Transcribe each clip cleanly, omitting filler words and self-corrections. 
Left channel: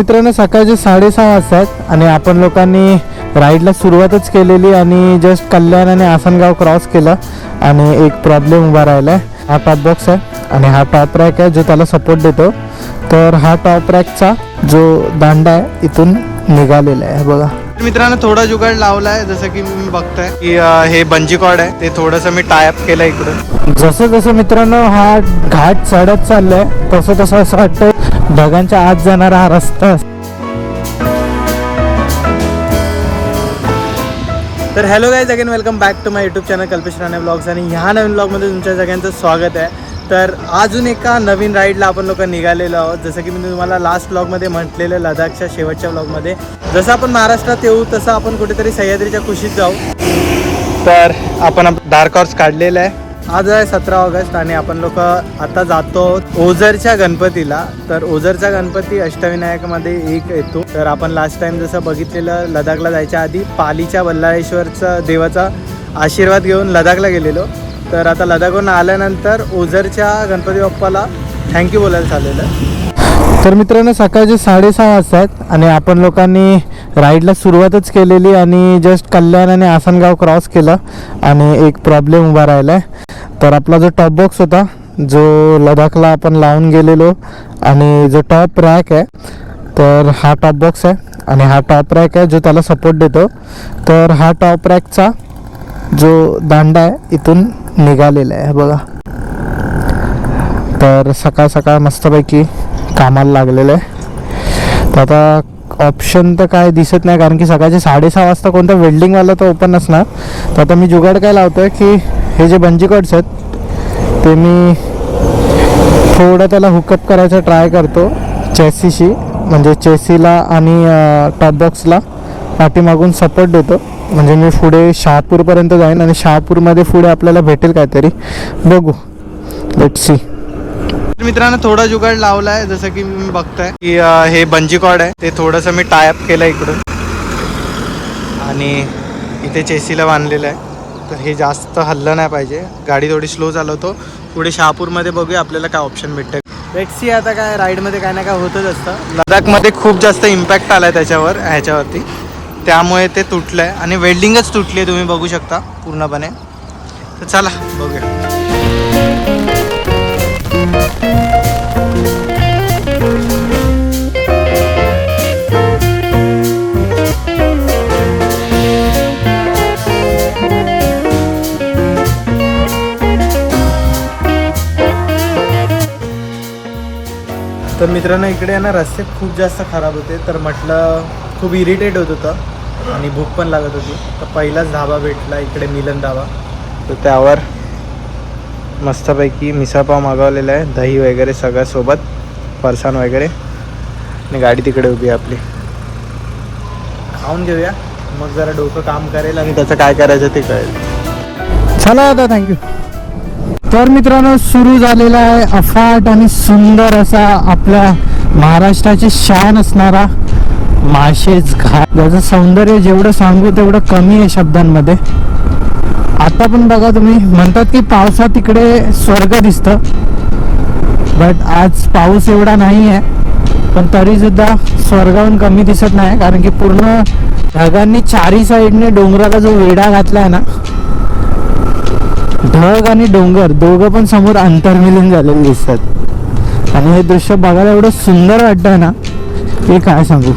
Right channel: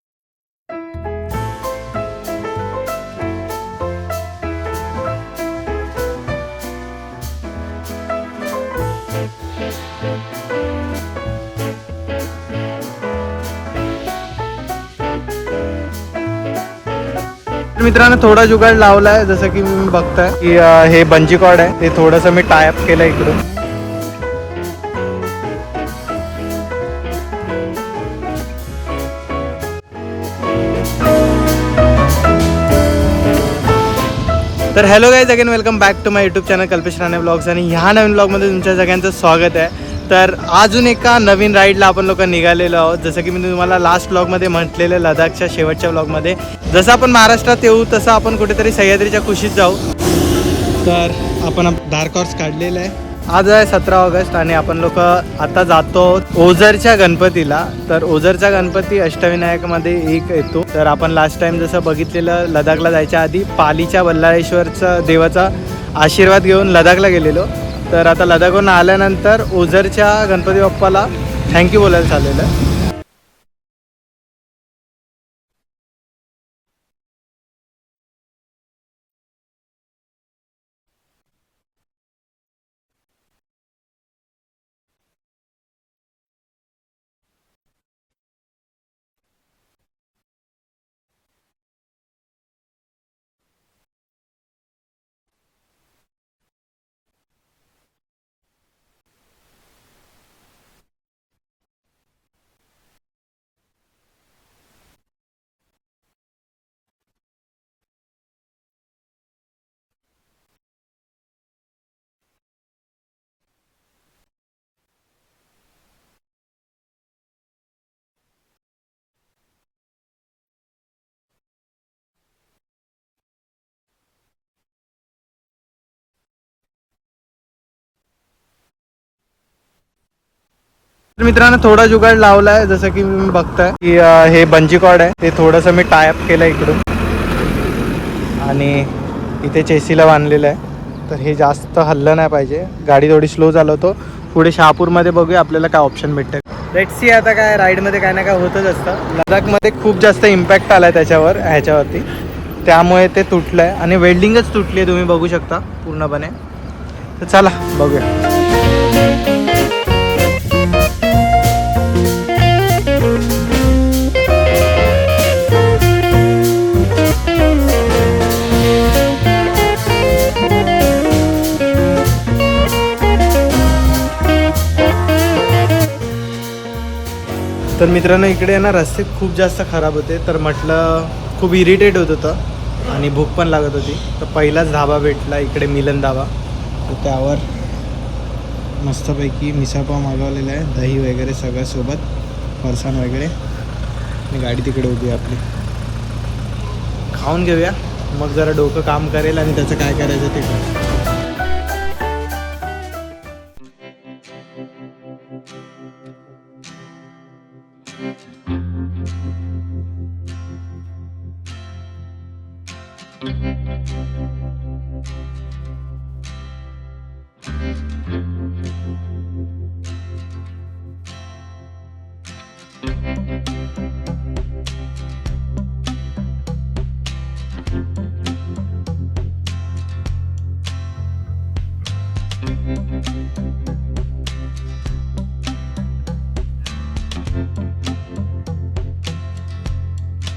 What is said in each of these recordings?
मित्रांनो सकाळचे 6:30 वाजतात आणि आपण लोकांनी राईडला सुरुवातच केलेली आणि जस्ट कल्याण आणि आसनगाव क्रॉस केलं आणि एक प्रॉब्लेम उभा राहिला आहे. हा टॉप बॉक्स आहे आणि हा टॉप रॅक आहे जो त्याला सपोर्ट देतो. तर हा टॉप रॅकचा जो दांडा आहे इथून निघालेला आहे बघा. मित्रांनो थोडा जुगाड लावला आहे, जसं की मी बघताय की हे बंजी कॉर्ड आहे ते थोडंसं मी टायअप केलं इकडून. जसं जसं मित्रांनो हा घाट चढत चाललाय तसं तसं असं वाटतंय ढगांच्या आत जाणारा हा रस्ता. तर hello guys, again welcome back to my YouTube channel Kalpesh Rane vlogs. आणि ह्या नवीन ब्लॉगमध्ये तुमच्या सगळ्यांचं स्वागत आहे. तर अजून एका नवीन राईडला आपण लोक निघालेलो आहोत. जसं की मी तुम्हाला लास्ट ब्लॉगमध्ये म्हटलेलं, लडाखच्या शेवटच्या ब्लॉगमध्ये, जसं आपण महाराष्ट्रात येऊ तसं आपण कुठेतरी सह्याद्रीच्या कुशीत जाऊ. तर आपण डार्क हॉर्स काढलेलं आहे. आज आहे 17 ऑगस्ट आणि आपण लोक आता जातो ओझरच्या गणपतीला. तर ओझरचा गणपती अष्टविनायकमध्ये एक येतो. तर आपण लास्ट टाइम जसं बघितलेलं लडाखला जायच्या आधी पालीच्या बल्लाळेश्वरचा देवाचा आशीर्वाद घेऊन लडाखला गेलेलो. तर आता लडाखहून आल्यानंतर ओझरच्या गणपती बाप्पाला थँक्यू बोलायला चाललेलं आहे. तर मित्रांनो सकाळचे 6:30 वाजतात आणि आपण लोकांनी राईडला सुरुवातच केलेली आणि जस्ट कल्याण आणि आसनगाव क्रॉस केलं आणि एक प्रॉब्लेम उभा राहिला आहे. तर आपला जो टॉप बॉक्स होता जो लडाखला आपण लावून गेलेलो आणि जो टॉप रॅक आहे तर हा टॉप बॉक्स आहे आणि हा टॉप रॅक आहे जो त्याला सपोर्ट देतो. तर हा टॉप रॅकचा जो दांडा आहे इथून निघालेला आहे बघा. तर सकाळ सकाळ मस्तपैकी कामाला लागलेलं आहे. तर आता ऑप्शन तर काय दिसत नाही कारण की सकाळचे 6:30 वाजता कोणता वेल्डिंगवाला तर ओपन नसणार. तर आता मी जुगाड काय लावतो आहे की हे जे बंजी कॉर्ड्स आहेत ते मी थोडं त्याला हुकअप करायचा ट्राय करतो चेसीशी, म्हणजे चेसीला आणि टॉप बॉक्सला पाठीमागून सपोर्ट देतो. म्हणजे मी पुढे शहापूरपर्यंत जाईन आणि शहापूरमध्ये पुढे आपल्याला भेटेल काहीतरी, बघू, लेट्स सी. मित्रांनो थोडा जुगाड लावला आहे, जसं की मी बघताय की हे बंजी कॉर्ड आहे ते थोडंसं मी टायअप केलं इकडून आणि इथे चेसीला बांधलेलं आहे. तर हे जास्त हल्लं नाही पाहिजे, गाडी थोडी स्लो चालवतो. पुढे शहापूरमध्ये बघूया आपल्याला काय ऑप्शन भेटतं. Let's see. आता काय राईडमध्ये काय ना काय होतच असतं. लडाखमध्ये खूप जास्त इम्पॅक्ट आला आहे ह्याच्यावरती, त्यामुळे ते तुटलं आहे आणि वेल्डिंगच तुटली आहे, तुम्ही बघू शकता पूर्णपणे. तर चला बघूया. तर मित्रांनो इकडे ना रस्ते खूप जास्त खराब होते. तर म्हटलं खूप इरिटेट होत होतं आणि भूक पण लागत होती. तर पहिलाच धाबा भेटला इकडे, मिलन धाबा. तर त्यावर मस्तपैकी मिसळपाव मागवलेला आहे, दही वगैरे सगळं सोबत, फरसाण वगैरे. आणि गाडी तिकडे उभी आहे आपली, खाऊन घेऊया मग जरा डोकं काम करेल आणि त्याचं काय करायचं ते कळेल. चला आता, थँक्यू. तर मित्रांनो सुरू झालेला आहे अफाट आणि सुंदर असा आपल्या महाराष्ट्राची शान असणारा माळशेज घाट. त्याचं सौंदर्य जेवढं सांगू तेवढं कमी आहे शब्दांमध्ये. आता पण बघा, तुम्ही म्हणतात की पावसात इकडे स्वर्ग दिसतं, बट आज पाऊस एवढा नाही आहे, पण तरीसुद्धा स्वर्गाहून कमी दिसत नाही. कारण की पूर्ण ढगांनी चारी साईडने डोंगराला जो वेढा घातला आहे ना, ढग आणि डोंगर दोघं पण समोर अंतर्मिलन झालेले दिसतात. आणि हे दृश्य बघायला एवढं सुंदर वाटतंय ना की काय सांगू.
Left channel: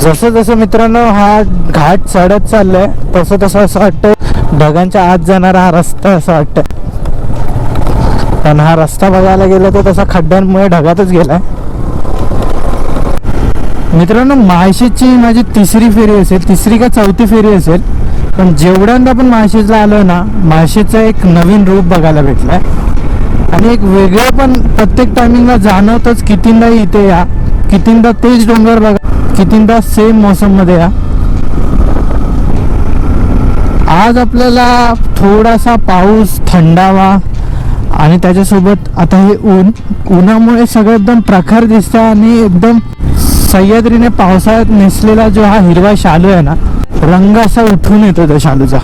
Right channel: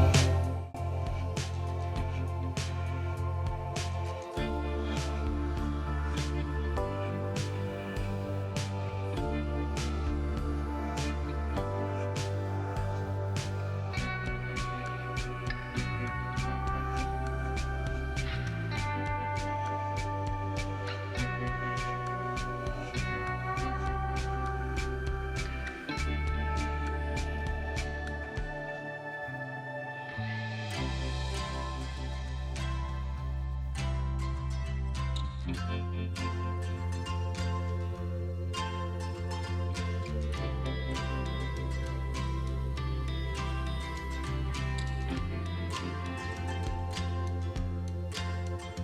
जसं जसं मित्रांनो हा घाट चढत चाललाय तसं तसं असं वाटतं ढगांच्या आत जाणारा हा रस्ता असं वाटतं. पण हा रस्ता बघायला गेला तर तसा खड्ड्यांमुळे ढगातच गेलाय. मित्रांनो माळशेजची माझी तिसरी फेरी असेल, तिसरी का चौथी फेरी असेल, पण जेवढ्यांदा पण माळशेजला आलो ना, माळशेजचं एक नवीन रूप बघायला भेटलंय आणि एक वेगळं पण प्रत्येक टायमिंगला जाणवतच. कितींदा इथे या, कितींदा तेच डोंगर बघा, कितींदा सेम मौसम मध्ये या. आज आपल्याला थोडासा पाऊस, थंडावा आणि त्याच्यासोबत आता हे उन्हामुळे सगळं एकदम प्रखर दिसतं आणि एकदम सह्याद्रीने पावसाळ्यात नेसलेला जो हा हिरवा शालू आहे ना, रंग असा उठून येतो त्या शालूचा.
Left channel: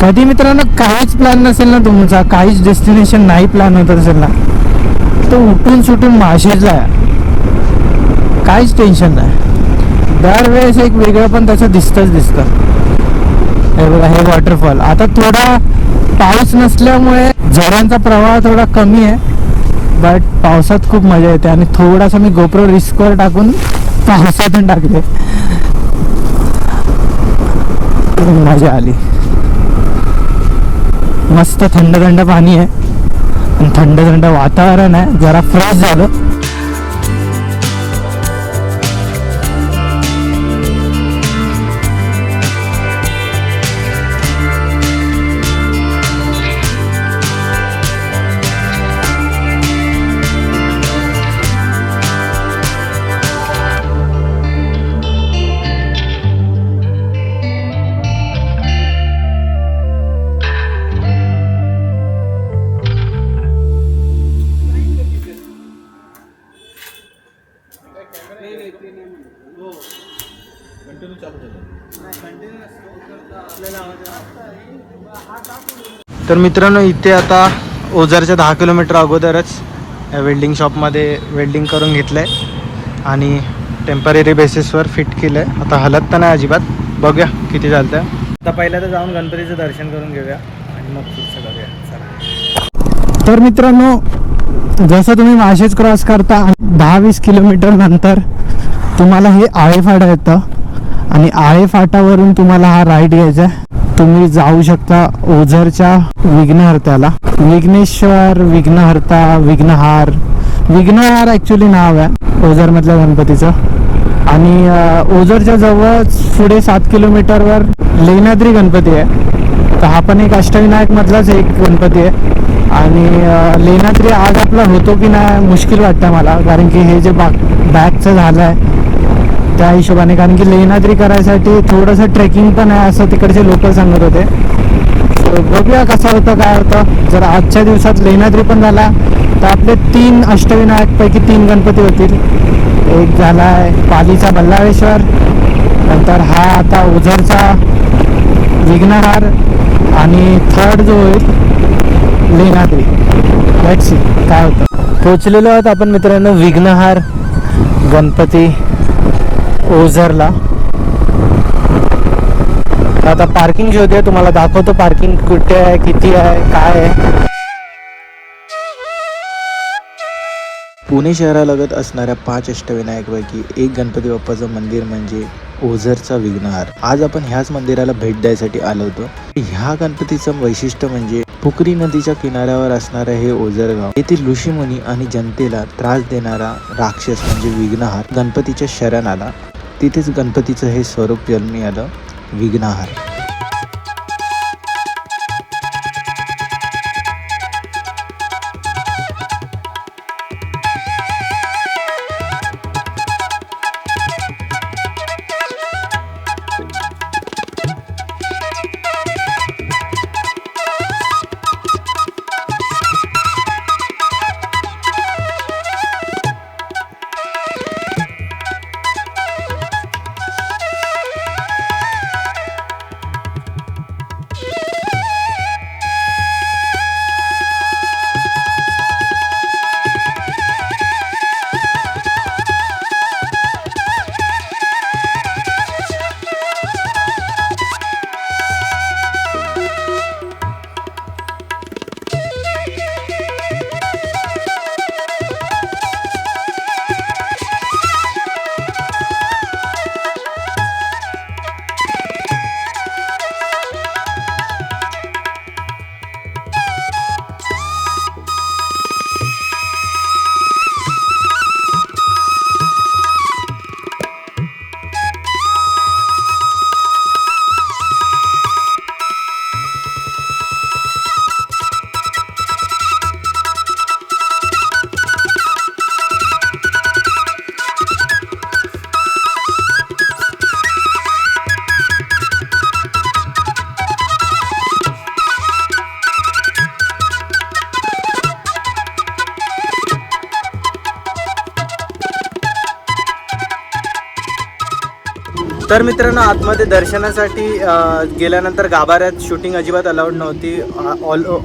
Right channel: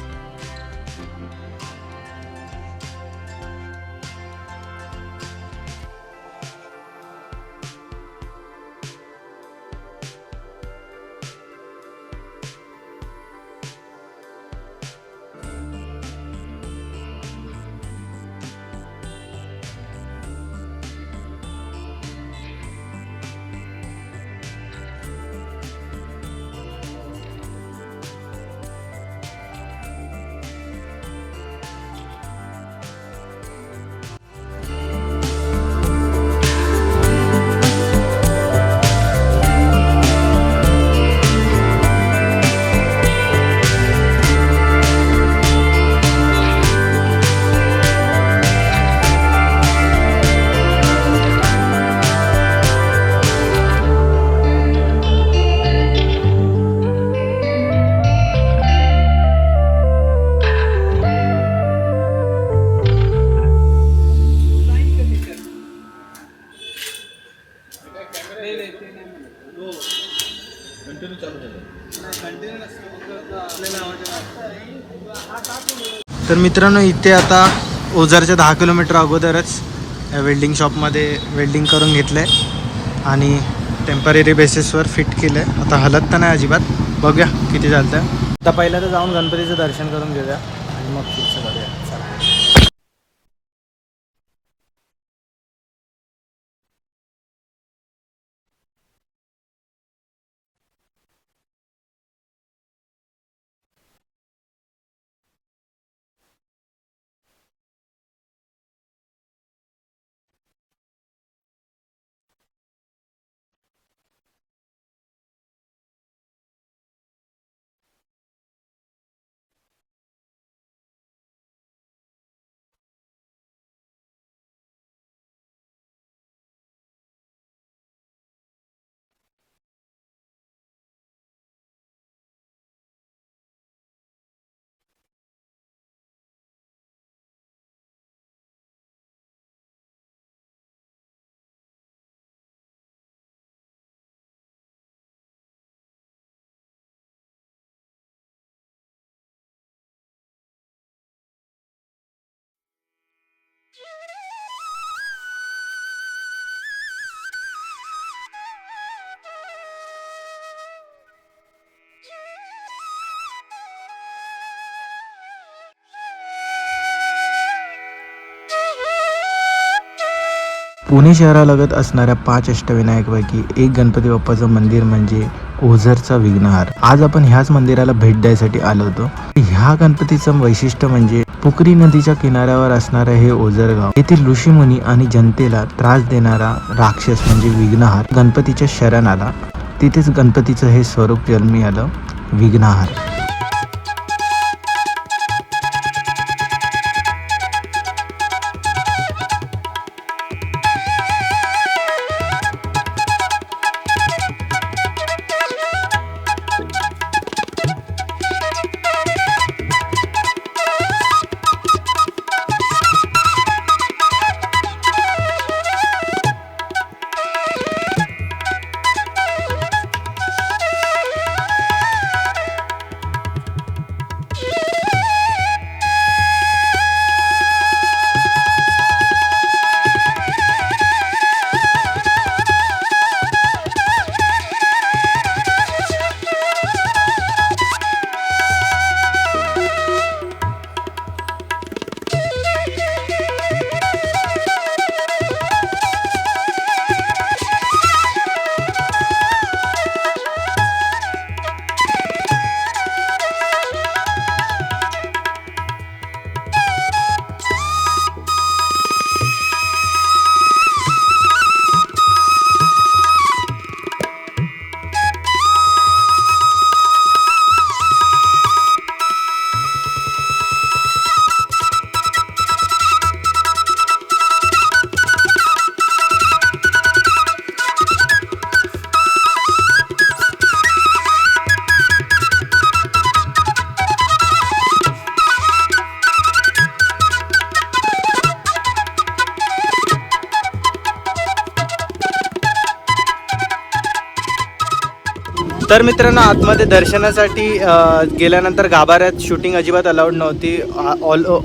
कधी मित्रांनो काहीच प्लॅन नसेल ना तुमचा, काहीच डेस्टिनेशन नाही प्लॅन होत असेल ना, तो उठून सुटून माशेजला आहे. काहीच टेन्शन नाही. दरवेळेस एक वेगळं पण त्याचं दिसतं. हे बघा, हे वॉटरफॉल. आता थोडा पाऊस नसल्यामुळे झऱ्यांचा प्रवाह थोडा कमी आहे, बट पावसात खूप मजा येते. आणि थोडासा मी गोप्रो रिस्कवर टाकून पावसातून टाकले, मजा आली. मस्त थंड थंड पाणी आहे आणि थंड थंड वातावरण आहे, जरा फ्रेश झालं. तर मित्रांनो, इथे आता ओझरच्या 10 किलोमीटर अगोदरच वेल्डिंग शॉपमध्ये वेल्डिंग करून घेतलं आहे आणि टेम्पररी बेसिसवर फिट केलं आहे. आता हलत तर नाही अजिबात, बघूया किती चालतं आहे. आता पहिलं तर जाऊन गणपतीचं दर्शन करून घेऊया आणि मग पुढचं करूया. चला. तर मित्रांनो, जसं तुम्ही माशेज क्रॉस करता 10-20 किलोमीटर नंतर तुम्हाला हे आळे फाटा येतं आणि आळे फाटावरून तुम्हाला हा राईड घ्यायचा आहे. तुम्ही जाऊ शकता ओझरच्या विघ्नहर्त्याला. विघ्नेश्वर, विघ्नहर्ता, विघ्नहार ॲक्च्युली नाव आहे ओझरमधल्या गणपतीचं. आणि ओझरच्या जवळच पुढे 7 किलोमीटरवर लेण्याद्री गणपती आहे. तर हा पण एक अष्टविनायक मधलाच एक गणपती आहे. आणि लेण्याद्री आज आपला होतो की नाही मुश्किल वाटतं मला, कारण की हे जे बॅकचं झालं आहे त्या हिशोबाने. कारण की लेण्याद्री करायसाठी थोडंसं ट्रेकिंग पण आहे असं तिकडचे लोक सांगत होते. सो बघूया कसं होतं, काय होतं. जर आजच्या दिवसात लेण्याद्री पण झाला तर आपले 3 अष्टविनायकपैकी 3 गणपती होतील. एक झाला आहे पालीचा बल्लाळेश्वर, नंतर हा आता ओझरचा विघ्नहार आणि थर्ड जो होईल लेण्याद्री. लेट्स सी काय होतं. पोचलेलो आहोत आपण मित्रांनो विघ्नहार गणपती ओझरला. आता पार्किंग शोधूया, तुम्हाला दाखवतो पार्किंग कुठे आहे, किती आहे, काय आहे. पुणे शहरालगत असणाऱ्या 5 अष्टविनायकपैकी एक गणपती बाप्पाचं मंदिर म्हणजे ओझरचा विघ्नहार. आज आपण ह्याच मंदिराला भेट द्यायसाठी आलो होतो. ह्या गणपतीचं वैशिष्ट्य म्हणजे पोखरी नदीच्या किनाऱ्यावर असणारं हे ओझर गाव. येथे ऋषीमुनी आणि जनतेला त्रास देणारा राक्षस म्हणजे विघ्नहार गणपतीच्या शरण आला. तिथेच गणपतीचं हे स्वरूप जन्मी आलं, विघ्नहार. तर मित्रांनो, आतमध्ये दर्शनासाठी गेल्यानंतर गाभाऱ्यात शूटिंग अजिबात अलाउड नव्हती.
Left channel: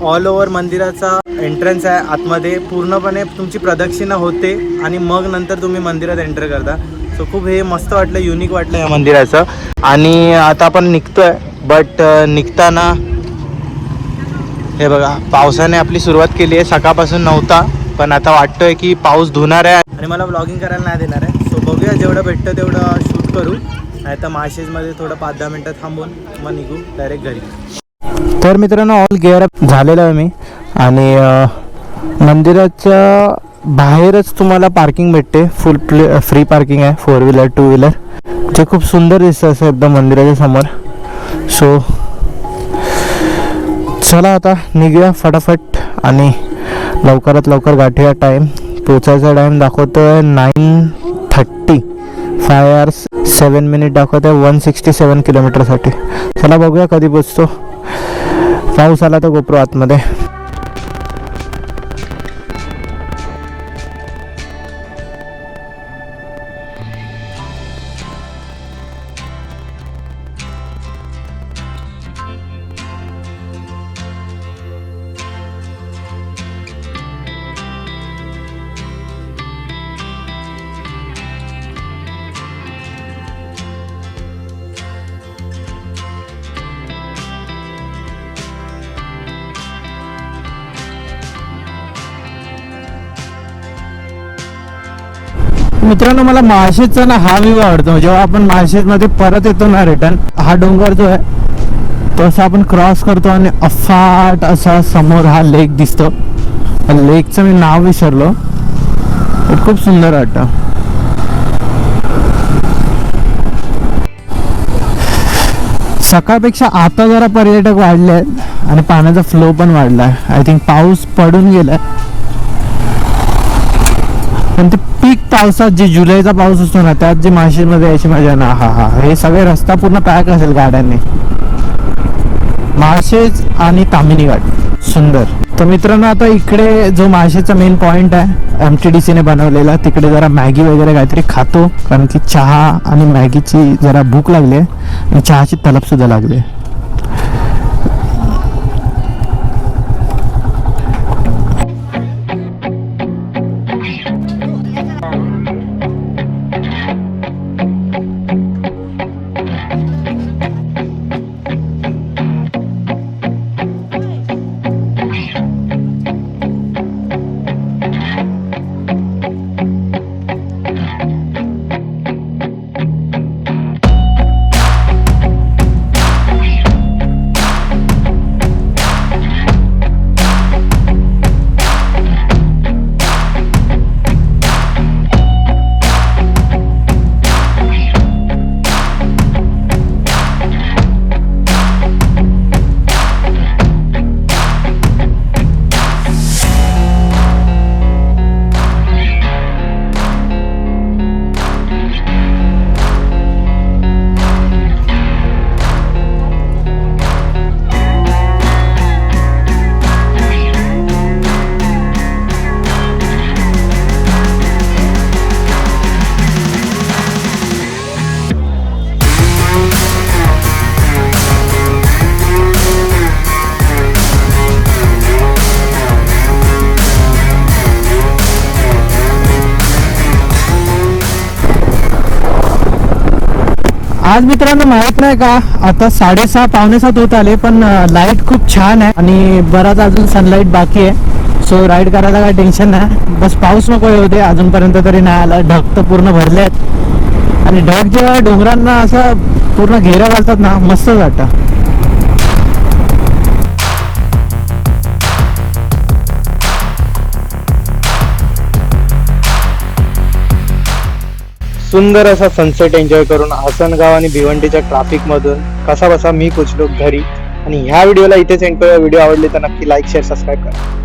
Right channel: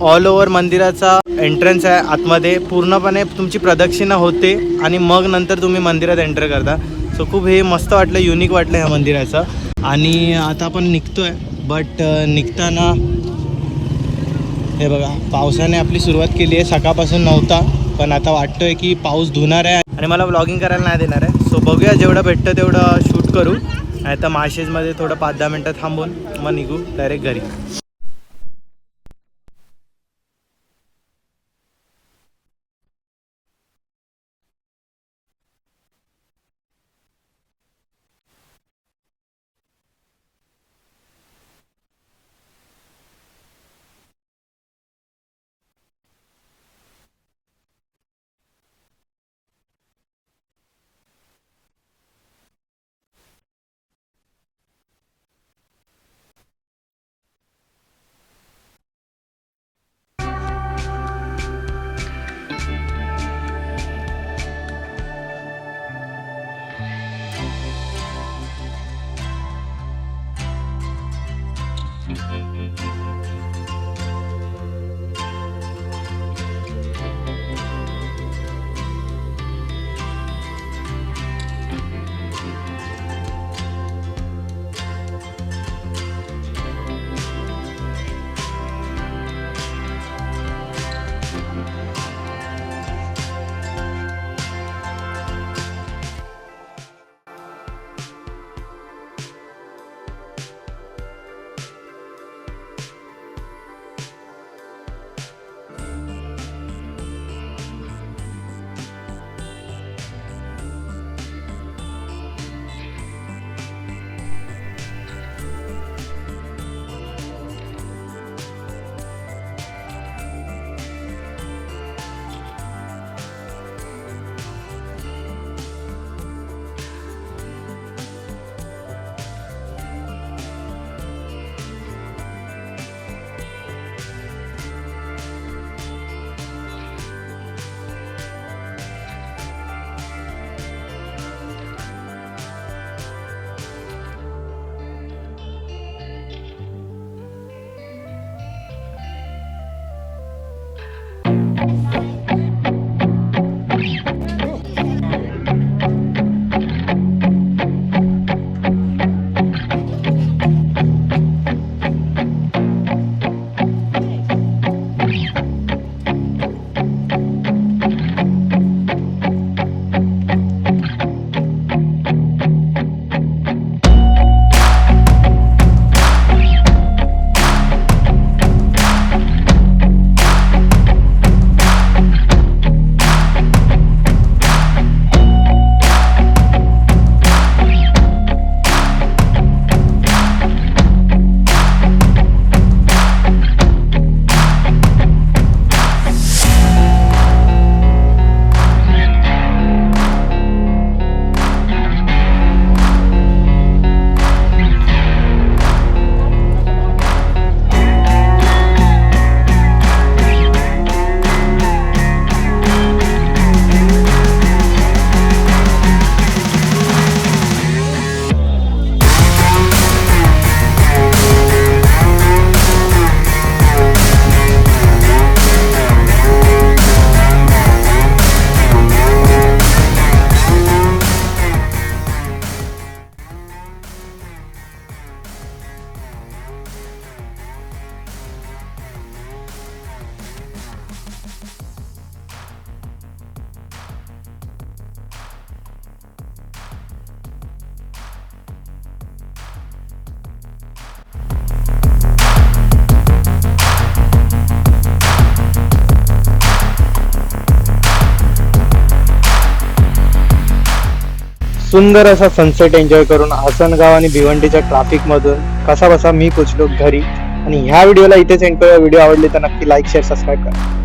ऑल ओव्हर मंदिराचा एंट्रन्स आहे. आतमध्ये पूर्णपणे तुमची प्रदक्षिणा होते आणि मग नंतर तुम्ही मंदिरात एंटर करता. सो खूप हे मस्त वाटलं, युनिक वाटलं ह्या मंदिराचं. आणि आता आपण निघतोय, बट निघताना हे बघा, पावसाने आपली सुरुवात केली आहे. सकाळपासून नव्हता, पण आता वाटतोय की पाऊस धुणार आहे आणि मला व्लॉगिंग करायला नाही देणार आहे. सो बघूया, जेवढं भेटतं तेवढं शूट करू. नाही तर माळशेजमध्ये थोडं 5-10 मिनटं थांबून मग निघू डायरेक्ट घरी. तर मित्रांनो, ऑल गेअर अप झालेलं आहे मी. आणि मंदिराच्या बाहेरच तुम्हाला पार्किंग भेटते. फुल फ्री पार्किंग आहे, 4 व्हीलर 2 व्हीलर, जे खूप सुंदर दिसतं असं एकदम मंदिराच्या समोर. सो चला आता निघूया फटाफट आणि लवकरात लवकर गाठूया. टाईम पोचायचा टाईम दाखवतो आहे 9:30. 5 hours 7 minutes दाखवत आहे 167 किलोमीटरसाठी. चला बघूया कधी पोचतो. पाऊस आला तर गोप्रो आतमध्ये. मित्रांनो, मला माळशेजचा ना हा व्ह्यू आवडतो. जेव्हा आपण माळशेजमध्ये परत येतो ना रिटर्न, हा डोंगर जो आहे तो असा आपण क्रॉस करतो आणि अफाट असा समोर हा लेक दिसतो. लेकचं मी नाव विसरलो, खूप सुंदर वाटतं. सकाळपेक्षा आता जरा पर्यटक वाढले आहेत आणि पाण्याचा फ्लो पण वाढला आहे. आय थिंक पाऊस पडून गेलाय, पण ते पीक पावसात जे जुलैचा पाऊस असतो ना, त्यात जे माळशेजमध्ये यायची मजा ना, हा हे सगळे रस्ता पूर्ण पॅक असेल गाड्यांनी. माळशेज आणि तामिनी घाट सुंदर. तर मित्रांनो, आता इकडे जो माळशेजचा मेन पॉइंट आहे MTDCने बनवलेला, तिकडे जरा मॅगी वगैरे काहीतरी खातो, कारण की चहा आणि मॅगीची जरा भूक लागली आहे आणि चहाची तलब सुद्धा लागली आहे. आज मित्रांनो, माहित नाही का, आता 6:30 पावणे 7 होत आले, पण लाईट खूप छान आहे आणि बराच अजून सनलाईट बाकी आहे. सो राईड करायला काय टेन्शन नाही. बस पाऊस नको होते, अजूनपर्यंत तरी नाही आला. ढग तर पूर्ण भरले आहेत आणि ढग जेव्हा डोंगरांना असं पूर्ण घेरा घालतात ना, मस्त वाटतं. सुंदर असा सनसेट एन्जॉय करून आसनगाव आणि भिवंडीच्या ट्रॅफिकमधून कसा बसा मी पोचलो घरी. आणि ह्या व्हिडिओला इथेच एंड करूया. व्हिडिओ आवडली तर नक्की लाईक शेअर सबस्क्राईब करा.